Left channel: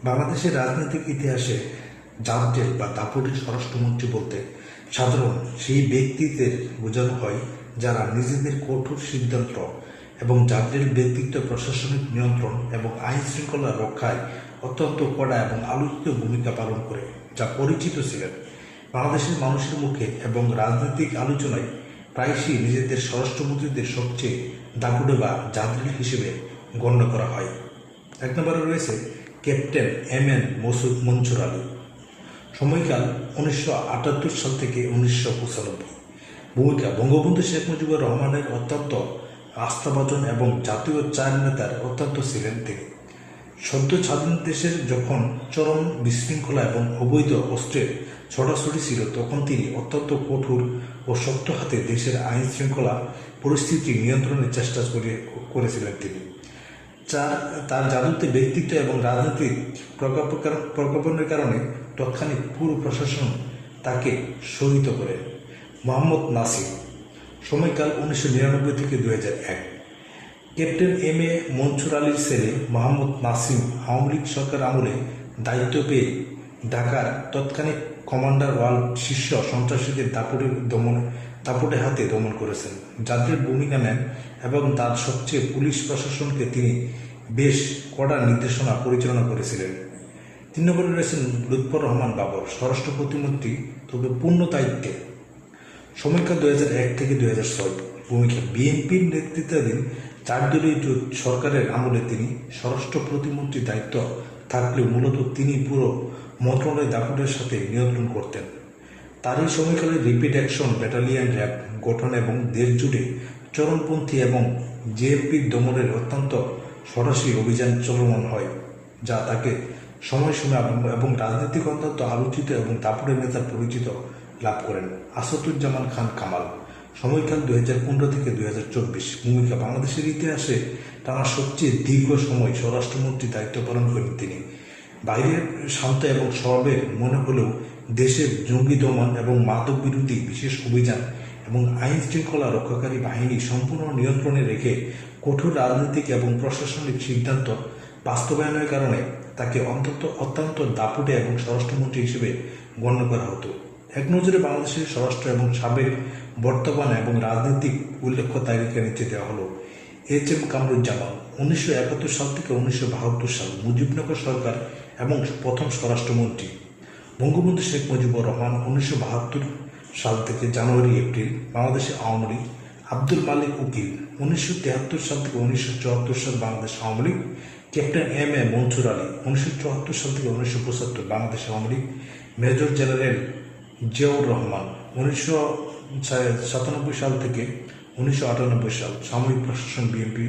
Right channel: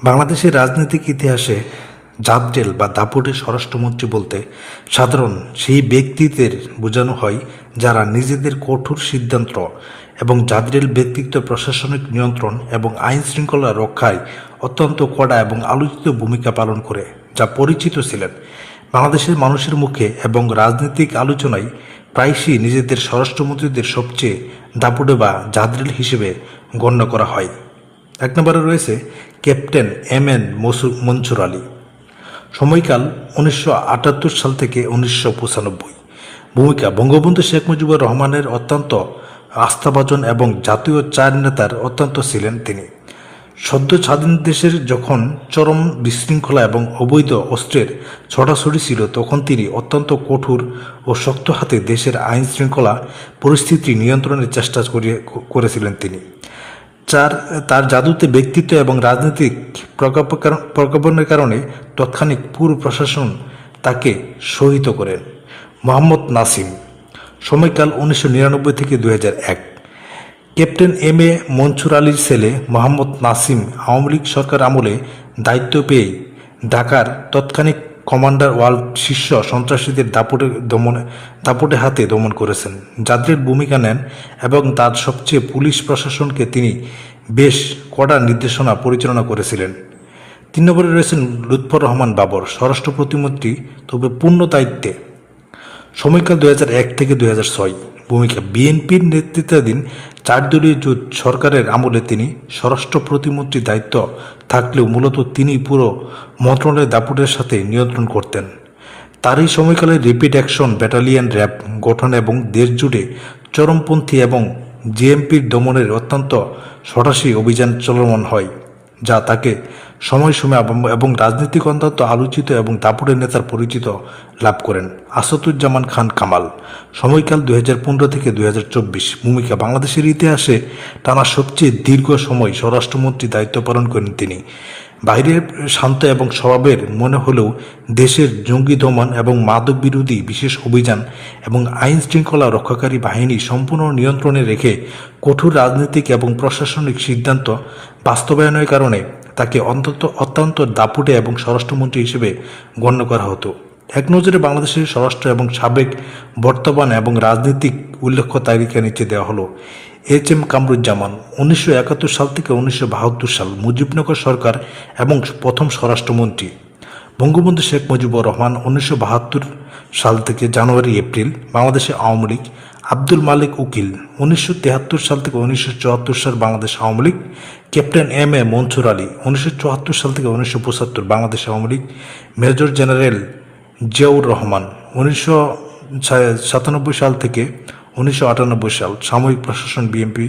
বাংলাদেশের রাজনৈতিক ইতিহাসে জাবডেল বা দাপুটে স্বরাষ্ট্রমন্ত্রী বলতে সাধারণ সেই ব্যক্তিদের বোঝানো হয় যারা নিজেদের কঠোর সিদ্ধান্ত এবং জাবডেল ব্যক্তিত্ব প্রশাসনিক নিয়ন্ত্রণ এবং আইন শৃঙ্খলা রক্ষায় অত্যন্ত কড়া এবং আলোচিত ভূমিকা পালন করে যা পরিচিত ছিলেন বাংলাদেশের মানুষের মুখে এবং রাজনৈতিক আলোচনায় প্রায়শই নিজেদের স্বরাষ্ট্রমন্ত্রীদের সবচেয়ে দাপুটে বা জাবডেল হিসেবে গণ্য করা হয়। এক নম্বরে রয়েছে ক্যাপ্টেন এম মনসুর আলী। সময়কাল 1978 সাল থেকে 1995। ভূমিকা বঙ্গবন্ধু শেখ মুজিবুর রহমানের অত্যন্ত আস্থাভাজন এবং জাতীয় চার নেতার অত্যন্ত ছিলেন তিনি। সদ্য স্বাধীন দেশের যখন চরম বিশৃঙ্খলা এবং অবৈধ অস্ত্রের ছড়াছড়ি ছিল তখন তিনি অত্যন্ত কঠোর ও শক্ত হাতে দেশের আইন শৃঙ্খলা পরিস্থিতি নিয়ন্ত্রণের চেষ্টা করেছিলেন তিনি। তার জাদুতে ব্যক্তিত্ব এবং রাজনৈতিক প্রজ্ঞাপনের কারণে তৎক্ষণিক পুরো প্রশাসন তাকে সহিত করেন। মোহাম্মদ নাসিম। সময়কাল 1999 থেকে 2001। ক্যাপ্টেন এম এ মনসুর আলীর ছেলে মোহাম্মদ নাসিম আওয়ামী লীগ সরকার আমলে দায়িত্ব পেয়ে ঢাকার তৎক্ষণিক কমান্ডার ওয়ার্ল্ড শীর্ষ সন্ত্রাসীদের দাপটে হাতে দমন করেছেন, যাদের ভূমিকা নেন এবং তার সবচেয়ে পুলিশ প্রশাসনকে তিনি বেশ কড়া নির্দেশনা পরিচালনা করেছিলেন। 3 নম্বরে রয়েছেন লুৎফর রহমান বাবর, স্বরাষ্ট্র প্রতিমন্ত্রী তবে পূর্ণ দায়িত্বে। সময়কাল 2001 থেকে 2006। ভূমিকা বিএনপির নেতৃত্বাধীন 4 দলীয় জোট সরকারের আমলে তিনি স্বরাষ্ট্র প্রতিমন্ত্রী দায়িত্ব থাকলেও মূলত তিনি পুরো মন্ত্রণালয়ের দাপুটের সাথে নিয়ন্ত্রণ করতেন। তারই সময়কালে র্যাপিড অ্যাকশন ব্যাটালিয়ন র্যাব গঠন এবং দেশ জুড়ে চরমপন্থী এবং জেএমপির দমনের অত্যন্ত সরাসরি অভিযান চলমান হয়, যা তাকে সময় এবং রাজনৈতিক অত্যন্ত আলোচিত এবং দাপুটের নেতার পরিচিত লাভ করেন। আসাদুজ্জামান খান কামাল। সময়কাল 2015 থেকে 2024। ভূমিকা বাংলাদেশের ইতিহাসে টানা সবচেয়ে দীর্ঘ সময় স্বরাষ্ট্রমন্ত্রী দায়িত্ব পালন করেন তিনি। বাইরে শান্ত এবং স্বভাবের মনে হলেও দেশের জঙ্গি দমন এবং মাদক বিরোধী বিশেষ অভিযান এবং আইন শৃঙ্খলা রক্ষাকারী বাহিনী সম্পূর্ণ নিয়ন্ত্রণে রেখে কঠোর রাজনৈতিক এবং প্রশাসনিক সিদ্ধান্ত বাস্তবায়নের কারণে তাকে অত্যন্ত দাপুটে এবং স্বরাষ্ট্রমন্ত্রী হিসেবে গণ্য করা হতো। এক নজরে বাংলাদেশের স্বরাষ্ট্র এবং সাবেক, বর্তমান এবং রাজনৈতিক উল্লেখ্য তালিকা নিচে দেওয়া হলো। HM কামরুজ্জামান। 1971 সাল থেকে 1972 সাল মুজিবনগর সরকার এবং প্রথম স্বরাষ্ট্রমন্ত্রী। বঙ্গবন্ধু শেখ মুজিবুর রহমান 1972 সাল থেকে জানুয়ারি এপ্রিল বাংলাদেশে আওয়ামী লীগ। আব্দুল মালিক উকিল 1973 সাল থেকে 1974 সাল Bangladesh Awami League. Captain M A Mansur Ali 1974 সাল থেকে 1975 বাংলাদেশ আওয়ামী লীগ। মেজর জেনারেল জিয়াউর রহমান 1997 সাল থেকে 1998 সাল সামরিক প্রশাসন বিএনপি।